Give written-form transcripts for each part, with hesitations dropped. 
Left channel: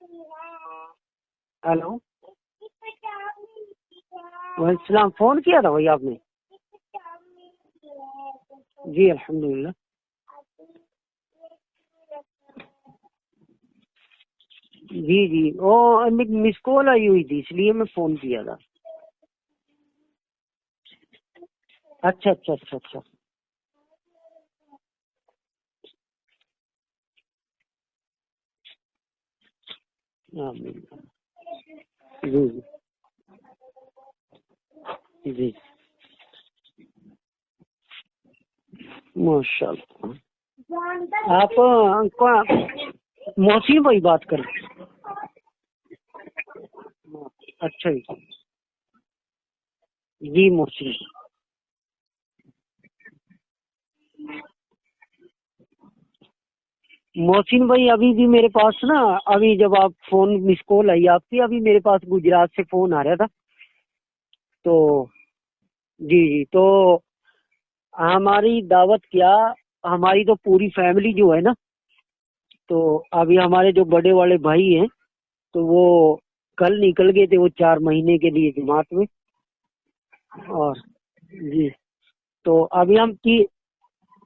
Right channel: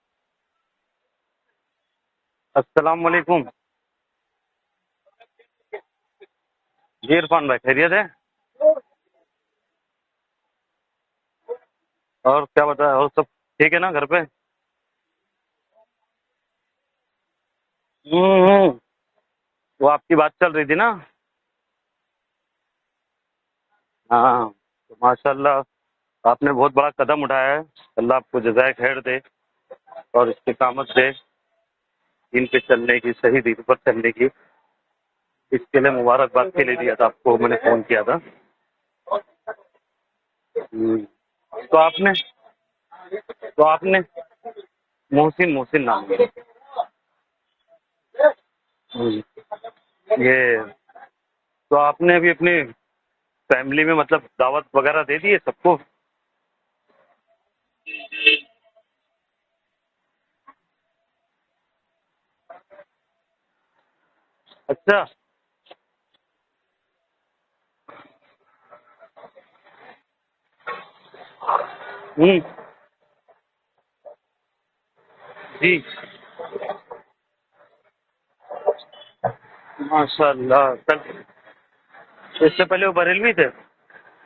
Hello. अस्सलाम वालेकुम। वालेकुम, फोन किया था भाई आपने? जी इरफान भाई, खैरियत है? जी अल्हम्दुलिल्लाह। और क्या बता, और सब ठीक है ना घर पे? जी जी, वो मिस कॉल आई हुई थी इसलिए मैं फोन किया था। हम्म। वो आपकी बात चल रही थी ना। अच्छा अच्छा अच्छा अच्छा। हाँ, तो माशाल्लाह आपने बहुत बड़ा कदम उठाया है। अल्लाह आपको जज़ाए खैर दे और आमीन। इस्तिकामत दे जी दीन पे चलने की, सही दीन पर चलने की। जी, इसके लिए मुबारकबाद के लिए दिया था आपको, मैंने फ़ोन किया था। माशाल्लाह। हम्म। आप तो आपने तो मोहसिन भाई आपने बात कर रहे मोहसिन मोहसिन नाम है। हैं? अच्छा जी। हम्म। जी ये मोहसिन। तो आपने अभी अपनी फैमिली में मतलब दावत वगैरह दे दी है सबको? मोहसिन भाई अभी भी मेरे पास ना, अभी जब आप फोन मिस कॉल आई आपकी, अभी मेरे पास गुजरात से फोन आ रहा था। तो अच्छा। जी जी, तो हमारी दावत क्या, हमारी तो पूरी फैमिली जो है ना, हम्म। तो अभी हमारे जो बड़े वाले भाई हैं तो जी वो कल निकल गए थे, वो 4 महीने के लिए जमात में। माशाल्लाह। और कल जी, तो इससे पहले वो अभी हम बरेलवी थे?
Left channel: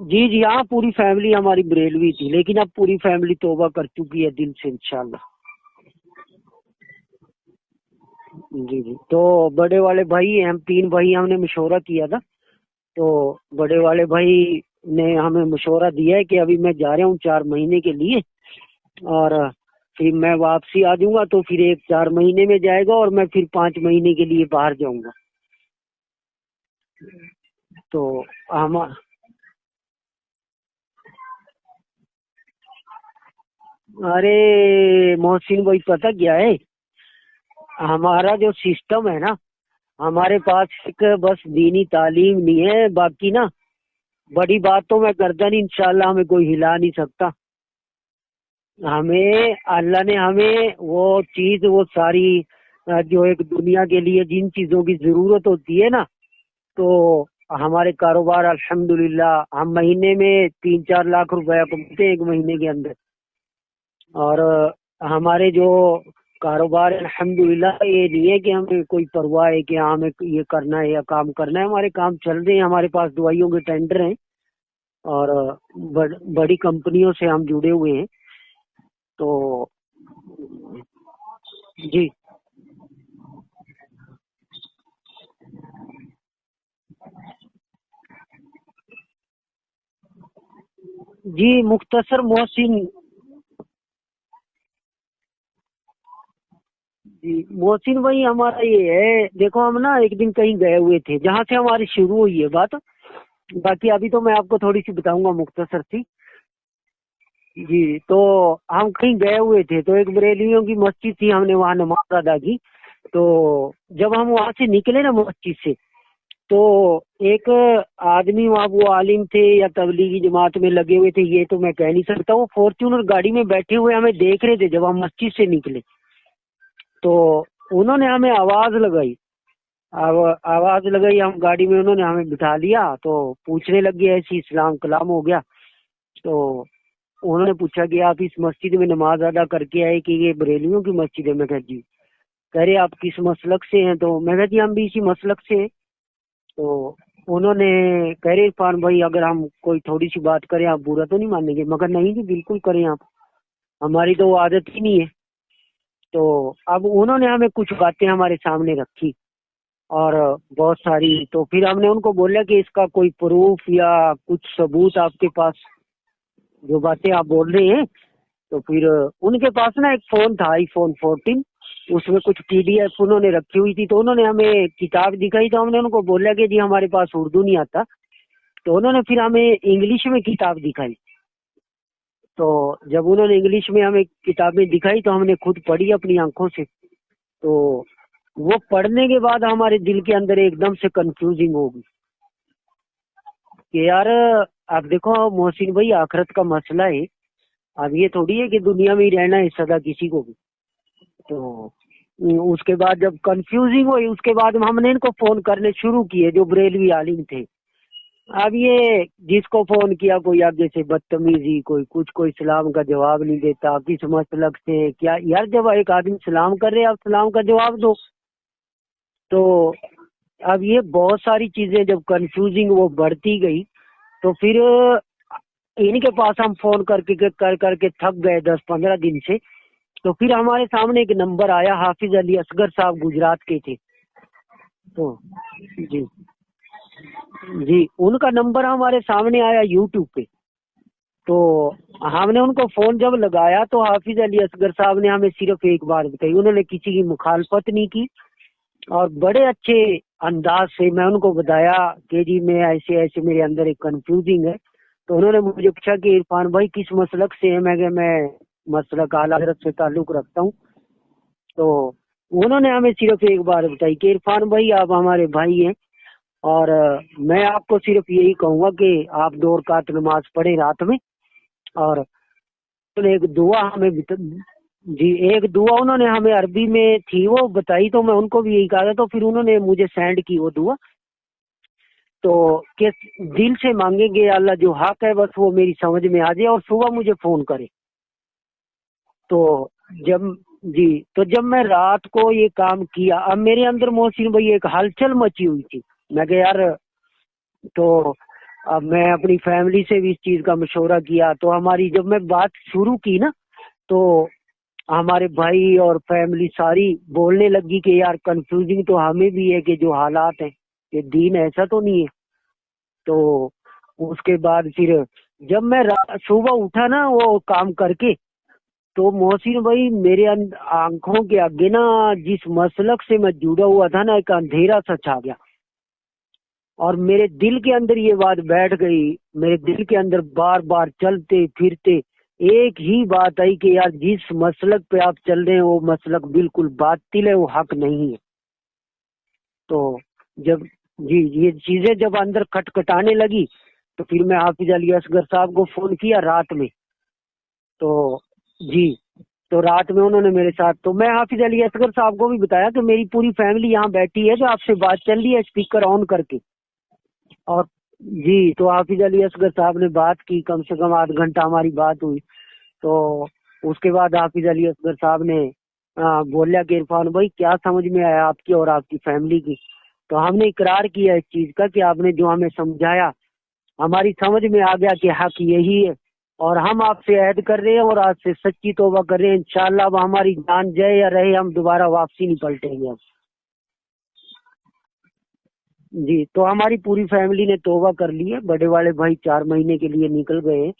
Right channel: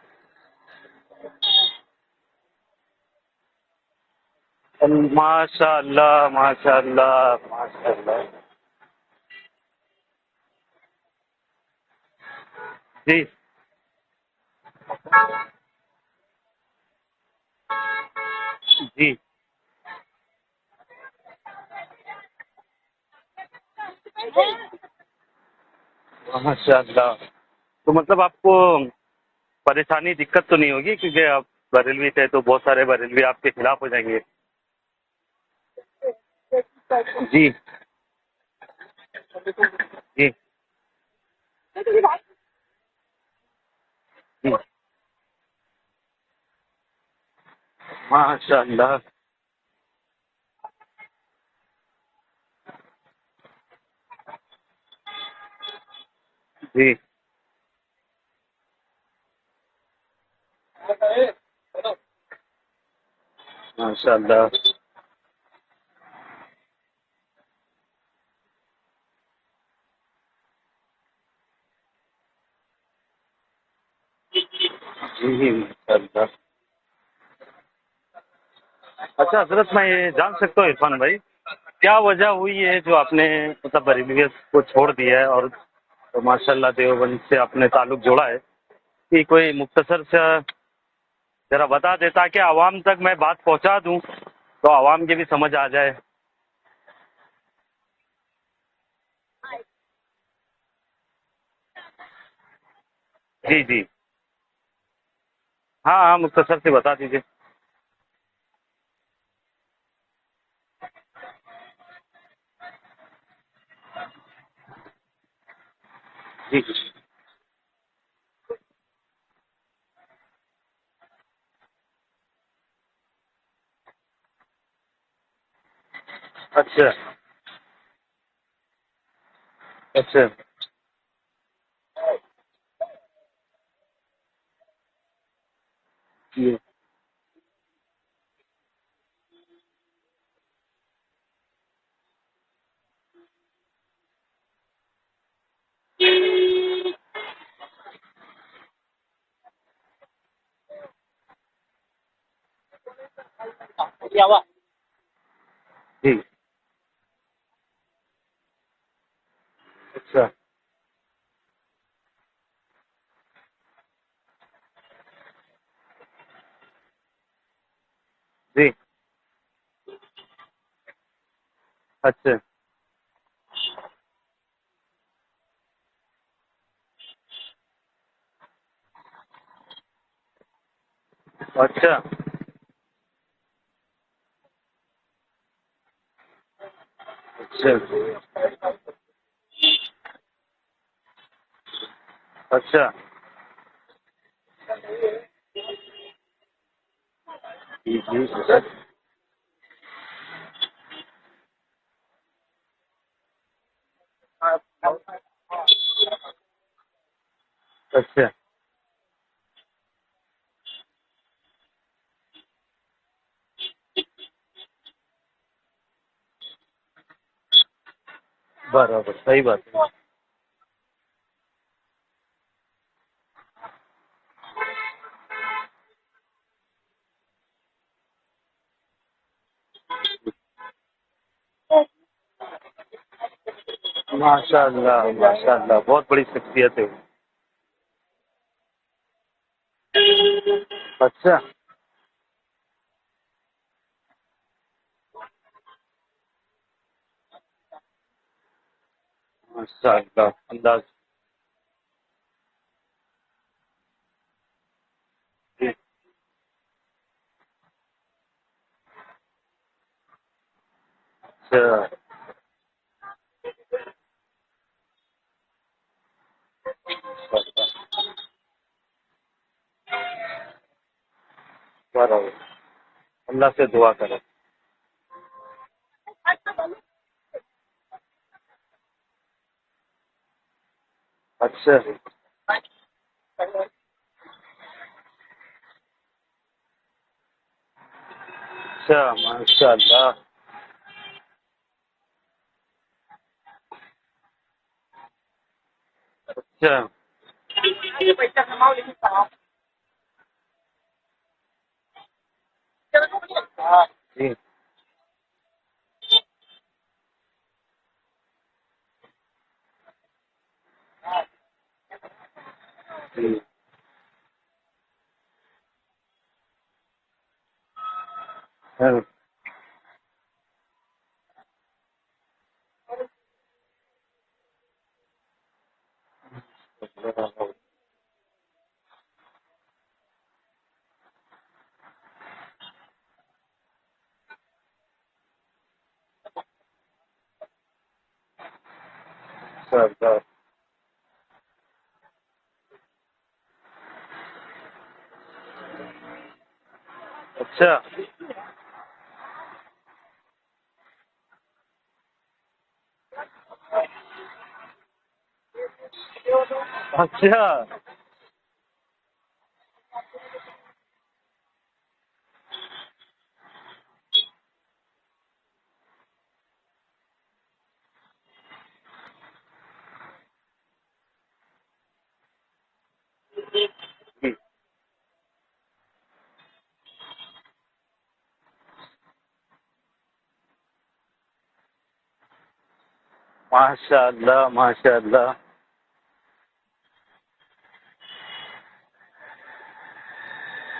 जी जी हाँ, पूरी फैमिली हमारी बरेलवी थी, लेकिन अब पूरी फैमिली तौबा कर चुकी है दिल से इंशाल्लाह। माशाल्लाह माशाल्लाह माशाल्लाह। जी जी, तो बड़े वाले भाई हैं, हम 3 भाई, हमने मशवरा किया था। तो जी बड़े वाले भाई ने हमें मशवरा दिया है कि अभी मैं जा रहा हूँ 4 महीने के लिए, जी और फिर मैं वापसी आ जाऊंगा, तो फिर एक 4 महीने में जाएगा और मैं फिर 5 महीने के लिए बाहर जाऊंगा। माशाल्लाह। तो तो मतलब आपको हम परेशानी दिक्कत तो नहीं होगी, क्योंकि आप बरेलवी थे तो बहुत सारे बरेलवी आपके खिलाफ हो जाएंगे। अरे मोहसिन भाई, पता क्या है, जी हमारा जो सिस्टम है ना, जी हमारे पास एक बस दीनी तालीम नहीं है, बाकी ना जी बड़ी बात तो मैं करता नहीं, इंशाल्लाह हमें कोई हिला नहीं सकता। माशाल्लाह। हमें अल्लाह ने हमें वो चीज, वो सारी जो एक दुनिया के लिए जिन चीजों की जरूरत होती है ना, तो जी हमारे कारोबार अल्हम्दुलिल्लाह हम महीने में 3-4 लाख रुपया कमाते हैं एक महीने के अंदर। और माशाल्लाह। हमारे जो कारोबार है अल्हम्दुलिल्लाह, ये नहीं है कि हमें कोई परवाह है कि हाँ हमें ये करना है या काम करना है, हमारे काम चल रहे हैं, हमारे पास दवाइयों के टेंडर हैं और जी माशाल्लाह। बड़ी कंपनियों से हम जुड़े हुए हैं। तो अच्छा हजरत, मैं ये जान सकता हूँ इरफान भाई, क्या जी, वजह हुई है जो आपने मतलब बरेलवी को छोड़ दिया है और तो माशाल्लाह देवबंद से आपने ताल्लुक जोड़ा है? कि कोई मुख्तसर से जी जरा बता मुख्तसर देता कि आवाम मोहसिन। तक मैं बात पहुंचा दूं तो आवाम के भी समझ आ जाए। जी मोहसिन भाई, हमारा ये है, देखो हम ना एक दिन कहीं गए हुए थे, जहाँ से हमारी शुरू हुई है बात। जी जी। बाकी अभी तो मैं आपको थोड़ी सी बताऊंगा मुख्तसर हाँ सी। हाँ, मुख्तसर से बता दीजिए। जी, तो हम कहीं गए हुए थे, तो एक बरेलियों की मस्जिद थी, हमने वहाँ नमाज अदा की। तो जब हम वहाँ से निकले ना मस्जिद से, तो जी एक आदमी वहाँ, वो आलिम थे या तबलीगी जमात में लगे हुए थे, ये तो मैं कह नहीं सकता, वो फॉर्च्यूनर गाड़ी में बैठे हुए हमें देख रहे थे जब हम मस्जिद से निकले। अच्छा तो उन्होंने हमें आवाज लगाई। अब अच्छा। आवाज लगाई, हम गाड़ी में, उन्होंने हमें बिठा लिया, तो पूछने लग गया, ऐसी इस्लाम कलाम हो गया। तो जी उन्होंने पूछा कि आप इस मस्जिद में नमाज अदा करके आए कि ये बरेलियों की मस्जिद है? मैं कहा जी। कह रहे आप किस मसलक से हैं? तो मैं कहा जी हम भी इसी मसलक से हैं। तो उन्होंने कह रहे इरफान भाई, अगर हम कोई थोड़ी सी बात करें आप बुरा तो नहीं मानेंगे? मगर नहीं जी, बिल्कुल करें आप, हमारी तो वो आदत ही नहीं है। जी। तो अब उन्होंने हमें कुछ बातें हमारे सामने रखी, और अच्छा बहुत सारी, तो फिर हमने उनको बोला कि इसका कोई प्रूफ या कुछ सबूत आपके पास, जो बातें आप बोल रहे हैं। तो जी। फिर उनके पास ना एक फोन था, iPhone 14, उसमें अच्छा कुछ PDF उन्होंने रखी हुई थी, तो उन्होंने हमें किताब दिखाई, तो हमने उनको बोला कि जी हमारे पास उर्दू नहीं आता। तो उन्होंने फिर हमें इंग्लिश में किताब दिखाई। अच्छा तो जब उन्होंने इंग्लिश में हमें किताबें दिखाई, तो हमने खुद पढ़ी अपनी आंखों से। तो अच्छा वो पढ़ने के बाद हमारे दिल के अंदर एकदम से कंफ्यूजिंग होगी अच्छा। कि यार, आप देखो मोहसिन भाई, आखिरत का मसला है। अब ये थोड़ी है कि दुनिया में ही रहना है सदा किसी को भी। तो उसके बाद जब कंफ्यूजिंग हुई, उसके बाद हमने इनको फोन करने शुरू किए जो बरेलवी आलिम थे। अच्छा। अब ये जिसको फोन किया कोई आगे से बदतमीजी, कोई कुछ, कोई सलाम का जवाब नहीं देता, किस मसलक से क्या यार, जब एक आदमी सलाम कर रहे आप सलाम का जवाब दो। बराबर, सही तो बात। अब ये बहुत सारी चीजें जब कंफ्यूजिंग वो बढ़ती गई, तो फिर इनके पास हम फोन कर करके थक गए 10-15 दिन से। तो फिर हमारे सामने एक नंबर आया, हाफिज अली असगर साहब गुजरात के थे। माशाल्लाह, तो माशाल्लाह, जी बहुत बड़ी शख्सियत है वो। जी, उनका नंबर हमारे सामने आया यूट्यूब पे। अच्छा। तो हमने उनको फोन जब लगाया तो हाफिज अली असगर साहब ने हमें सिर्फ एक बात बताई, उन्होंने किसी की मुखालफत नहीं की, और बड़े अच्छे माशाल्लाह, अंदाज अंदाज। से मैं उनको बताया कि जी मैं ऐसे ऐसे मेरे अंदर एक कंफ्यूजिंग है। तो उन्होंने मुझे पूछा कि इरफान भाई किस मसलक से है, मैं मसलक आला हज़रत से ताल्लुक रखता हूँ। अच्छा। तो उन्होंने हमें सिर्फ एक बात बताई कि इरफान भाई आप हमारे भाई हैं, और मैं आपको सिर्फ यही कहूँगा कि आप 2 रकात नमाज पढ़े रात में। और बराबर। उन्होंने एक अल्लाह दुआ से दुआ हमें करें। जी एक दुआ उन्होंने हमें अरबी में थी वो बताई, तो मैं उनको भी यही कहा था, तो फिर उन्होंने मुझे सेंड की वो दुआ। अच्छा। तो कि दिल से मांगेंगे अल्लाह जो हक है बस वो मेरी समझ में आ जाए और सुबह मुझे फोन करे। अच्छा, तो माशाल्लाह। जब जी तो जब मैं रात को ये काम किया, अब मेरे अंदर मोहसिन भाई एक हलचल मची हुई थी। मैं कहा यार, अच्छा। तो अब मैं अपनी फैमिली से भी इस चीज का मशवरा किया, तो हमारी जब मैं बात शुरू की ना, तो जी। हमारे भाई और फैमिली सारी बोलने लगी कि यार कंफ्यूजिंग तो हमें भी है कि जो हालात हैं, कि दीन ऐसा तो नहीं है। तो उसके बाद फिर जब मैं सुबह उठा ना वो काम करके, हाँ। तो मोहसिन भाई मेरे आंखों के आगे ना जिस मसलक से मैं जुड़ा हुआ था ना, एक अंधेरा सा छा गया, और मेरे दिल के अंदर ये बात बैठ गई। मेरे दिल के अंदर बार बार चलते फिरते एक ही बात आई कि यार जिस मसलक पे आप चल रहे हैं वो मसलक बिल्कुल बातिल है, वो हक नहीं है। तो अच्छा। जब जी ये चीजें जब अंदर खटखटाने लगी, तो फिर मैं हाफिज अली असगर साहब को फोन किया रात में। अच्छा। तो जी तो रात में उन्होंने मेरे साथ, तो मैं हाफिज अली असगर साहब को भी बताया कि मेरी पूरी फैमिली यहाँ बैठी है, जो आपसे बात चल रही है स्पीकर ऑन करके। अच्छा। और जी तो हाफिज अली असगर साहब ने बात की, कम से कम आध घंटा हमारी बात हुई। तो उसके बाद हाफिज अली असगर साहब ने बोला कि इरफान भाई क्या समझ में आया आपकी और आपकी फैमिली की। तो हमने इकरार किया इस चीज का कि आपने जो हमें समझाया हमारी समझ में आ गया कि हक यही है, और हम आपसे ऐद कर रहे हैं और आज से सच्ची तौबा कर रहे हैं। इंशाल्लाह अब हमारी जान जाए या रहे हम दोबारा वापसी नहीं पलटेंगे अब। माशाल्लाह, माशाल्लाह। जी तो हमारी पूरी फैमिली ने तौबा कर ली है। बड़े वाले भाई 4 महीने के लिए निकल गए,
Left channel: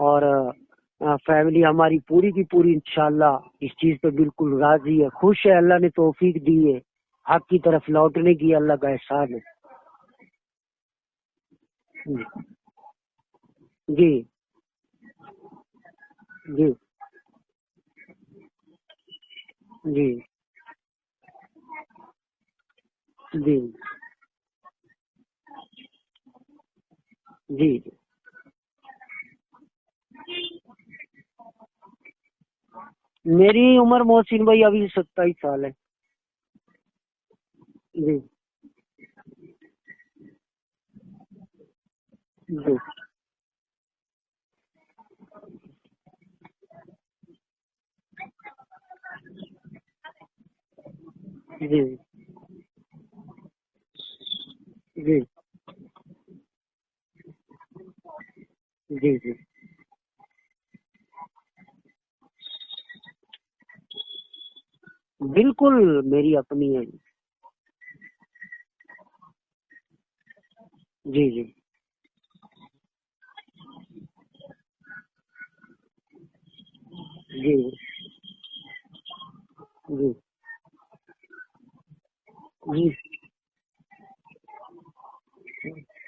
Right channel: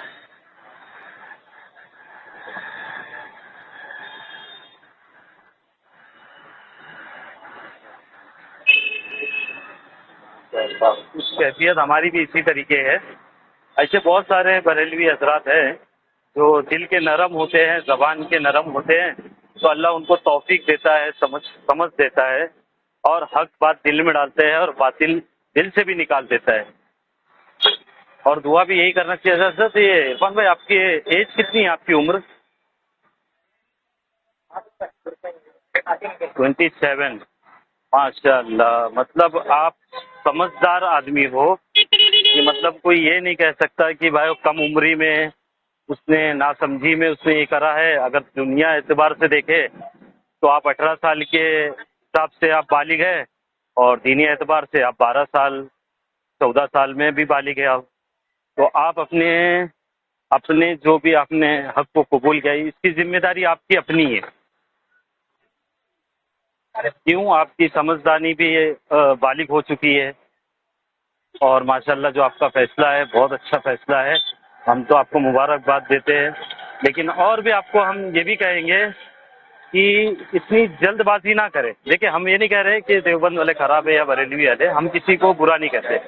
और फैमिली हमारी पूरी की पूरी इंशाल्लाह इस चीज पे बिल्कुल राजी है, खुश है। अल्लाह ने तौफीक दी है, हक की तरफ लौटने की अल्लाह का एहसान है। कुछ कैफियत हमारी भी इसी तरीके है। ऐसे जी बहुत सारे बरेलवी हजरात हैं जो जी दिल के नरम होते हैं, जबान के नरम होते हैं, तो अल्लाह जी उनको तौफीक देता है, समझ देता है, और हक जी बात दिल में डालते हैं और बातिल दिल से भी निकाल देता है। जी और दुआ भी यही करना चाहिए। हजरत ये इरफान भाई, आपकी एज कितनी है, आपकी उम्र? मेरी उम्र मोहसिन भाई अभी 27 साल है। 27। जी माशाल्लाह, मतलब आप समझदार आदमी हो। ये मतलब जी कोई ये नहीं कह सकता कि भाई वो कम उम्री में उसने नासमझी में उसने ये करा है। अगर दुनिया एतबार से देखे तो आप 18 साल के जी हिसाब से आप बालिग है, और दीनी एतबार से आप जी 12 साल 14 साल में भी बालिग है आप। तो आप जी अपने जी अपने जो भी आपने हक को कबूल किया, इसकी जिम्मेदारी आपकी अपनी है। बिल्कुल मेरी अपनी है। क्यों, आपकी समझदारी भी बालिग हो चुकी है। जी जी और माशाल्लाह जो आपका फैसला है बहुत अच्छा फैसला है, हम तो आपको मुबारकबाद देते हैं। लेकिन और भी जी आपको हम ये भी कहेंगे कि जी इतनी जल्दबाजी ना करें। देखिए, हम ये नहीं कह रहे हैं जी कि देवबंद वाले खराब है या बरेलवी वाले, हम किसी को बुरा नहीं कहते।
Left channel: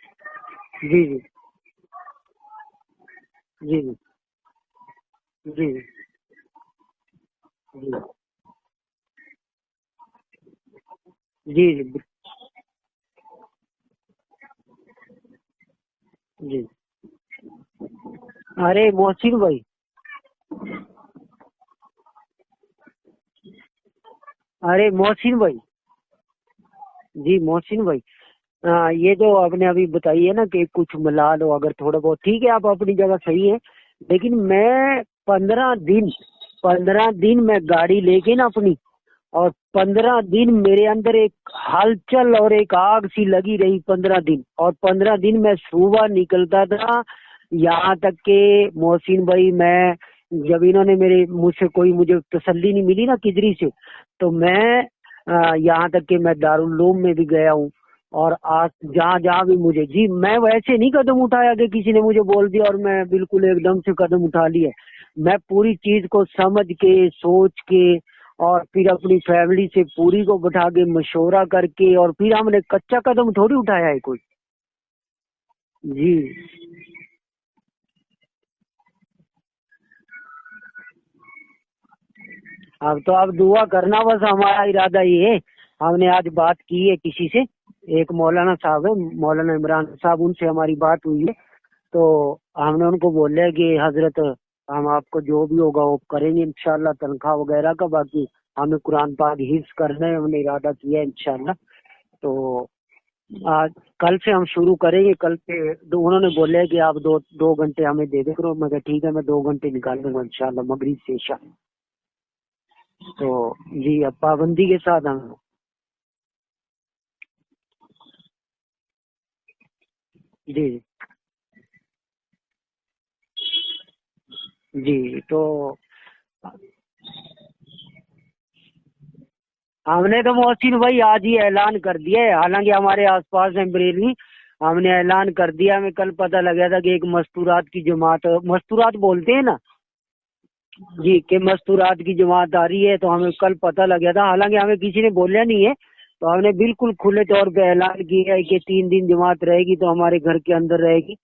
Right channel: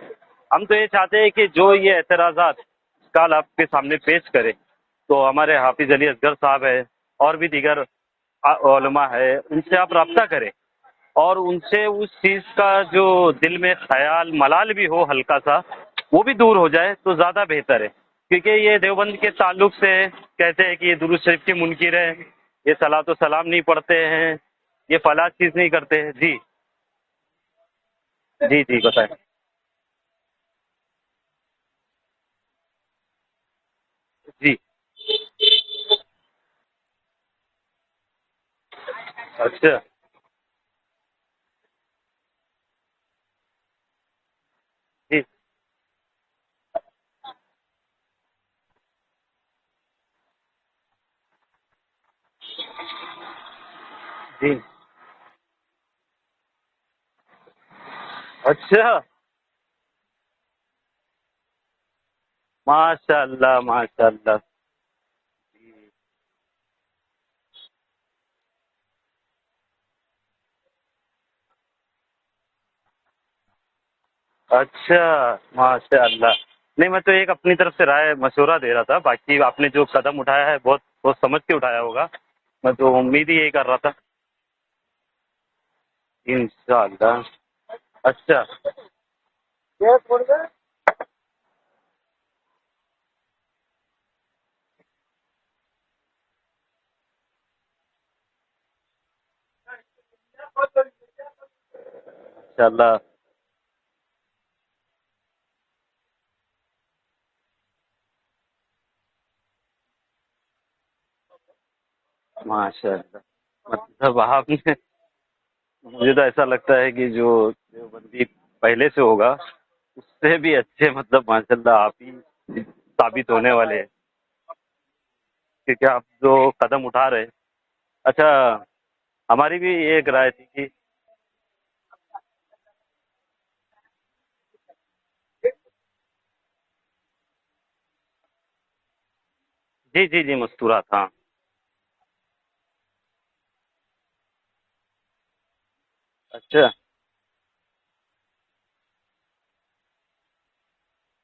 हम तो ये जी चाहते हैं कि जो ये एतराज़ात कल आपके जी सामने पेश करे, तो हमारे जी हाफिज अली असगर साहब है और भी दीगर जी उलमा है, उनसे आप रब्ता करें, और जी उनसे जी उस चीज़ का जो दिल में ख्याल मलाल भी हो हल्का सा, वो भी दूर जी। हो जाए तो ज़्यादा बेहतर है। क्योंकि ये अरे देवबंद के मोहसिन भाई, ताल्लुक से कहते हैं कि ये दुरूद शरीफ के मुनकिर है, ये सलात व सलाम नहीं पढ़ते हैं, अरे ये फलां मोहसिन चीज़ भाई, नहीं करते हैं। जी। जी मोहसिन भाई, जी जी बताएं। ये जो आपने अभी बताई है ना कि कुछ मिला लो अगर थोड़ा बहुत, ठीक है, आप अपनी जगह सही है, लेकिन जी। मैं 15 दिन मैं गाड़ी लेके ना अपनी, और अच्छा 15 दिन मेरे अंदर एक हलचल और एक आग सी लगी रही 15 दिन। और 15 जी दिन मैं सुबह निकलता था, यहाँ तक के मोहसिन भाई, मैं जब इन्होंने मुझसे कोई मुझे तसल्ली नहीं मिली ना किधरी से, तो जी। मैं यहाँ तक कि मैं दारुल उलूम में भी गया हूँ, और अच्छा जहाँ जहाँ भी मुझे, जी मैं वैसे नहीं कदम उठाया कि किसी ने मुझे बोल दिया और मैं बिल्कुल माशाल्लाह एकदम से कदम माशाल्लाह। उठा लिया। मैं पूरी चीज को समझ के, सोच के, और फिर अपनी फैमिली से पूरी को बैठा के मशवरा करके, और फिर हमने कच्चा कदम थोड़ी उठाया है कोई। अच्छा जी माशाल्लाह। नहीं, मैं तो एक अपनी तरफ से राय मशवरा दे रहा था, बाकी आपने जो कदम उठाया है बहुत बहुत समझ के उठाया होगा। मैं तो हाँ, तो उम्मीद आप ही यही दुआ कर रहा था। करना, बस हमारा इरादा ये है। हमने आज बात की है इंशाल्लाह। किसी से, एक अच्छा मौलाना साहब है, मौलाना इमरान साहब, उनसे हमारी बात हुई है। तो हमने उनको बोला है कि हजरत, हम आपको जो भी होगा वो करेंगे इंशाल्लाह, तनख्वाह वगैरह का, बाकी हमें कुरान पाक हिफ्ज करना है, हमने इरादा किया है इंशाल्लाह। तो इंशाल्लाह। आज कल से हम शुरू करेंगे। कल से उन्होंने बोला है कि आप दो घंटे हमें दे दे करो। मैं कहा ठीक है, मैं 2 घंटे निकाल दूंगा इंशाल्लाह, मगरिब से इशा। माशाल्लाह। तो जी मतलब पाबंदी आपने, के साथ हम। मुझे तो ऐसा लगता है कि जो जो बंदी पहले से होगा उससे भी जी अच्छे, मतलब माशाल्लाह आप ही साबित होने वाले हैं, जी। तो क्योंकि आप जो कदम उठा रहे हैं। अच्छा, हमारी भी ये एक हमने राय तो थी। मोहसिन भाई आज ही ऐलान कर दिया है, हालांकि हमारे आसपास है बरेली, हमने ऐलान कर दिया। हमें कल पता लगा था कि एक मस्तूरात की जमात, मस्तूरात बोलते हैं ना, जी जी जी मस्तूरात, हाँ। जी, कि मस्तूरात की जमात आ रही है, तो हमें कल पता लग गया था। हालांकि हमें किसी ने बोला नहीं है, तो हमने अच्छा बिल्कुल खुले तौर पे ऐलान किया है कि 3 दिन जमात रहेगी, तो हमारे घर के अंदर रहेगी।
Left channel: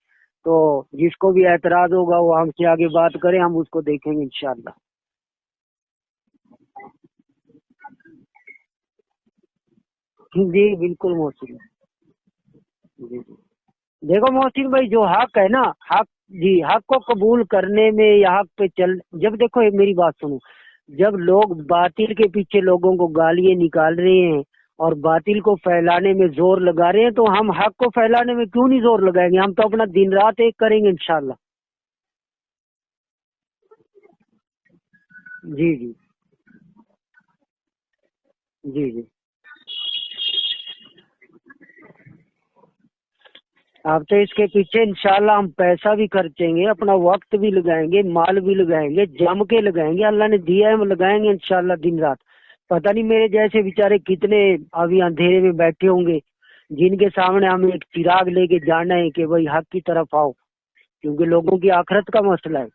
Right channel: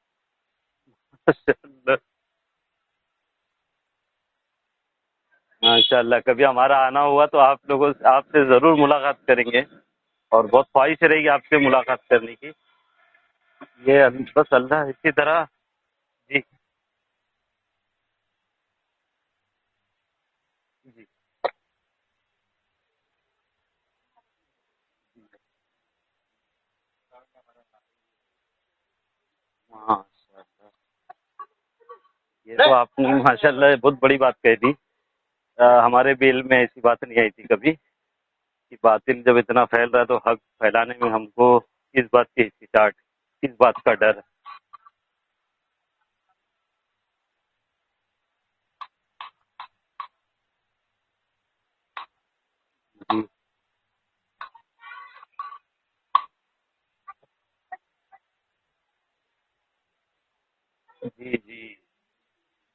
तो जिसको भी अच्छा एतराज अच्छा। होगा वो हमसे आगे बात करें, हम उसको देखेंगे इंशाल्लाह। माशाल्लाह, कभी हमारा आना हुआ तो आप लोगों आपसे ज़रूर मुलाकात करेंगे, और जी बहुत ख्वाहिश बिल्कुल रहेगी मोहसिन। आपसे मुलाकात करने की। जी ये देखो बस मोहसिन अल्लाह भाई, जो इसी हक तरह। है ना, हक, जी जी, हक को कबूल करने में या हक पे चल, जब देखो ये मेरी बात सुनो, जब लोग बातिल के पीछे लोगों को गालियां निकाल रहे हैं और बातिल को फैलाने में जोर लगा रहे हैं, तो हम हक को फैलाने में क्यों नहीं जोर लगाएंगे? हम तो अपना हाँ, दिन रात एक करेंगे इंशाल्लाह। ये तो आपने माशाल्लाह बहुत बड़ी बात कह दी। जी जी हमारे भी इल्म में ऐसी बात नहीं आई थी कभी। जी जी। बातिल जब इतना फैल रहा है तो हक फैलाने में हमको किस बात की हिचकिचाहट, किस बात का अब डर। तो इसके पीछे इंशाल्लाह हम पैसा भी खर्चेंगे, अपना वक्त भी लगाएंगे, माल भी लगाएंगे, जम के लगाएंगे। अल्लाह ने दिया है, हम लगाएंगे इंशाल्लाह दिन रात। पता नहीं मेरे जैसे बेचारे कितने अभी अंधेरे में बैठे होंगे, जिनके सामने हमें एक चिराग लेके जाना है कि भाई हक की तरफ आओ, क्योंकि लोगों की आखिरत का मसला है।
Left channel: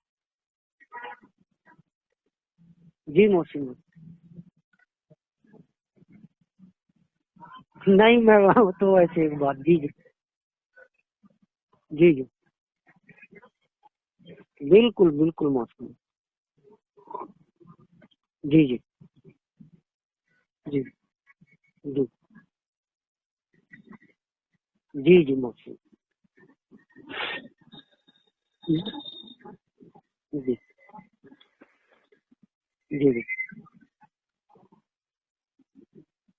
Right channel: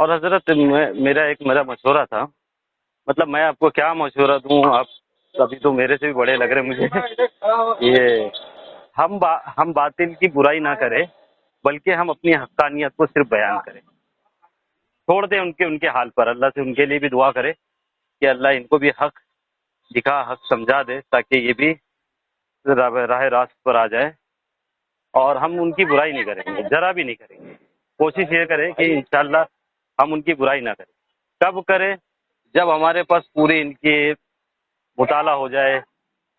और हजरत मेरा मशवरा था, जी मतलब मैं आपको मोहसिन। क्या मशवरा दूं, आप अभी तो मेरे से भी बड़े लग रहे हैं मुझे। नहीं, ये मैं तो ऐसे बात, हम जी जी बातिल की बुराई ना करें, बल्कि हम जी जी। अपनी हक्कानियत को सिर्फ बयान करें। बिल्कुल छोड़ दें बिल्कुल उनके मोहसिन। उनके हाल पर, अल्लाह से उनके लिए भी दुआ करें कि अल्लाह जी इनको जी भी हक दिखा, हक समझा जी दे, ताकि ये भी जी राह रास्त पर आ जाए। जी जी और हम मोहसिन। उनकी बुराई नहीं करेंगे, जरा भी नहीं करेंगे। कोशिश ये करें कि जी इंशाल्लाह हम उनकी जी बुराई ना करें। कब करें? जब हमारे जी पास पूरी इनकी मुताला हो जाए,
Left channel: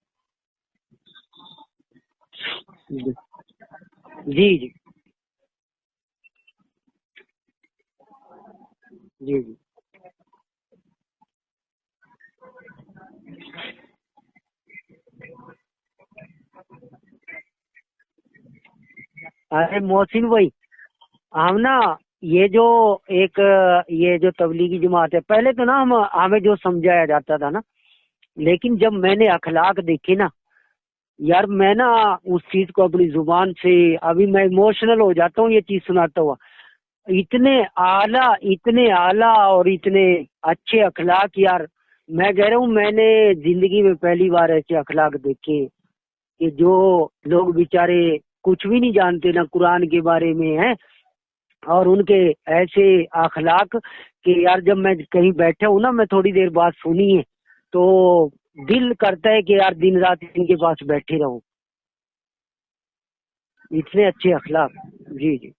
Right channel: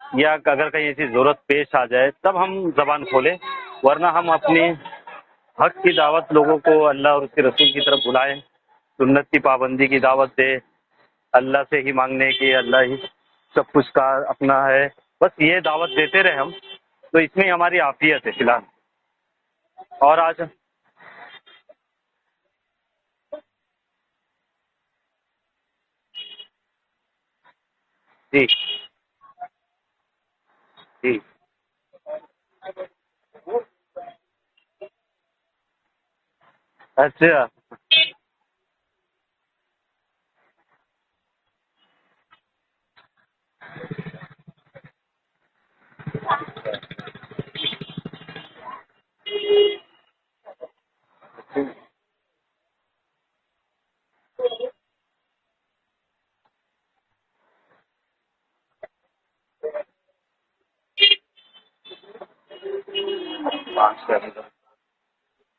या अगर कहीं ऐसी जरूरत पेश आ जाए तब हम जबान जी खोलें, वरना हम जी अपनी हक की दावत लोगों को अल्लाह और उसके रसूल की तरफ बुलाएं, सुन्नत की जी जी। पाबंदी की दावत दे, अल्लाह से ही मांगने की, अल्लाह ही सब कुछ का अपना है, बस ये दावत देते रहे हम, तो इसमें हमारी आफियत है फिलहाल। अरे और मोहसिन आज भाई, हम ना, ये जो एक ये जो तबलीगी जमात है, पहले तो ना हम हमें जो समझाया जाता था ना, जी लेकिन जब मैंने अखलाक देखे ना जी। यार, मैं ना उस चीज को अपनी जुबान से, अभी मैं इमोशनल हो जाता हूँ ये चीज सुनाता हुआ। अच्छा इतने आला और इतने अच्छे अखलाक यार, मैं कह रहा हूँ मैंने जिंदगी में पहली बार ऐसे अखलाक देखे कि जो लोग बेचारे कुछ भी नहीं जानते ना कुरान के बारे में है, और उनके ऐसे अखलाक कि यार जब मैं कहीं बैठा हूँ ना, मैं थोड़ी देर बाद सुनी है तो दिल करता है कि यार दिन रात इनके पास बैठे रहो, इतने अच्छे माशाल्लाह, अखलाक। जी जी।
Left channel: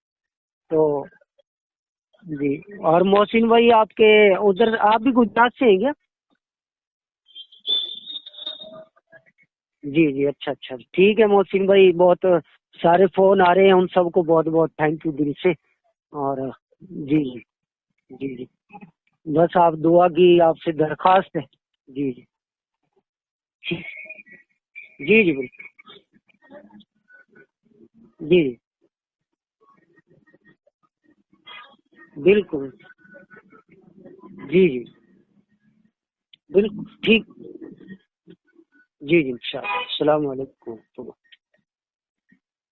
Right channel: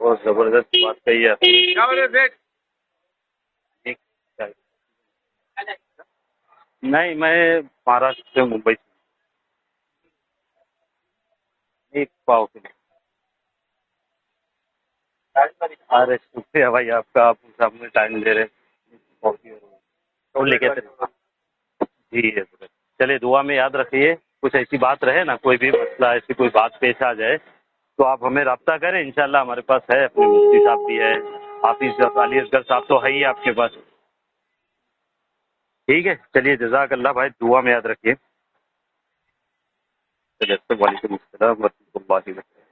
बहुत जबरदस्त बात तो कही आपने। जी, और मोहसिन भाई आपके उधर, आप भी गुजरात से हैं क्या? नहीं, मैं महाराष्ट्र से, मुंबई। جی جی اچھا اچھا ٹھیک ہے محسن بھائی، بہت سارے فون آ رہے ہیں، ان سب کو بہت بہت تھینک یو دل سے. ارے اور شکریہ بھائی آپ جی کا، آپ جی سامنے ٹائم دے رہے. بس آپ دعا کی بولیے آپ سے کیا؟ درخواست ہے. جی جی چلیے دعا میں یاد رکھیے، کچھ ایسی بات جی رہے جی نا، کوئی بھی مسئلہ ایسی کوئی بات پیش آ جائے تو آپ ہمیں جی رابطہ کریں. انشاءاللہ ہمارے پاس ہے، اپنے مفتی صاحب بھی ہے، حافظ علی اصغر بالکل صاحب تو ہے ہی آپ کے پاس. جی جی ٹھیک ہے چلیے، بالکل جزاک اللہ ٹھیک. بھائی، دعا میں یاد رکھیے. جی جی انشاءاللہ. السلام علیکم. وعلیکم السلام ورحمۃ اللہ وبرکاتہ.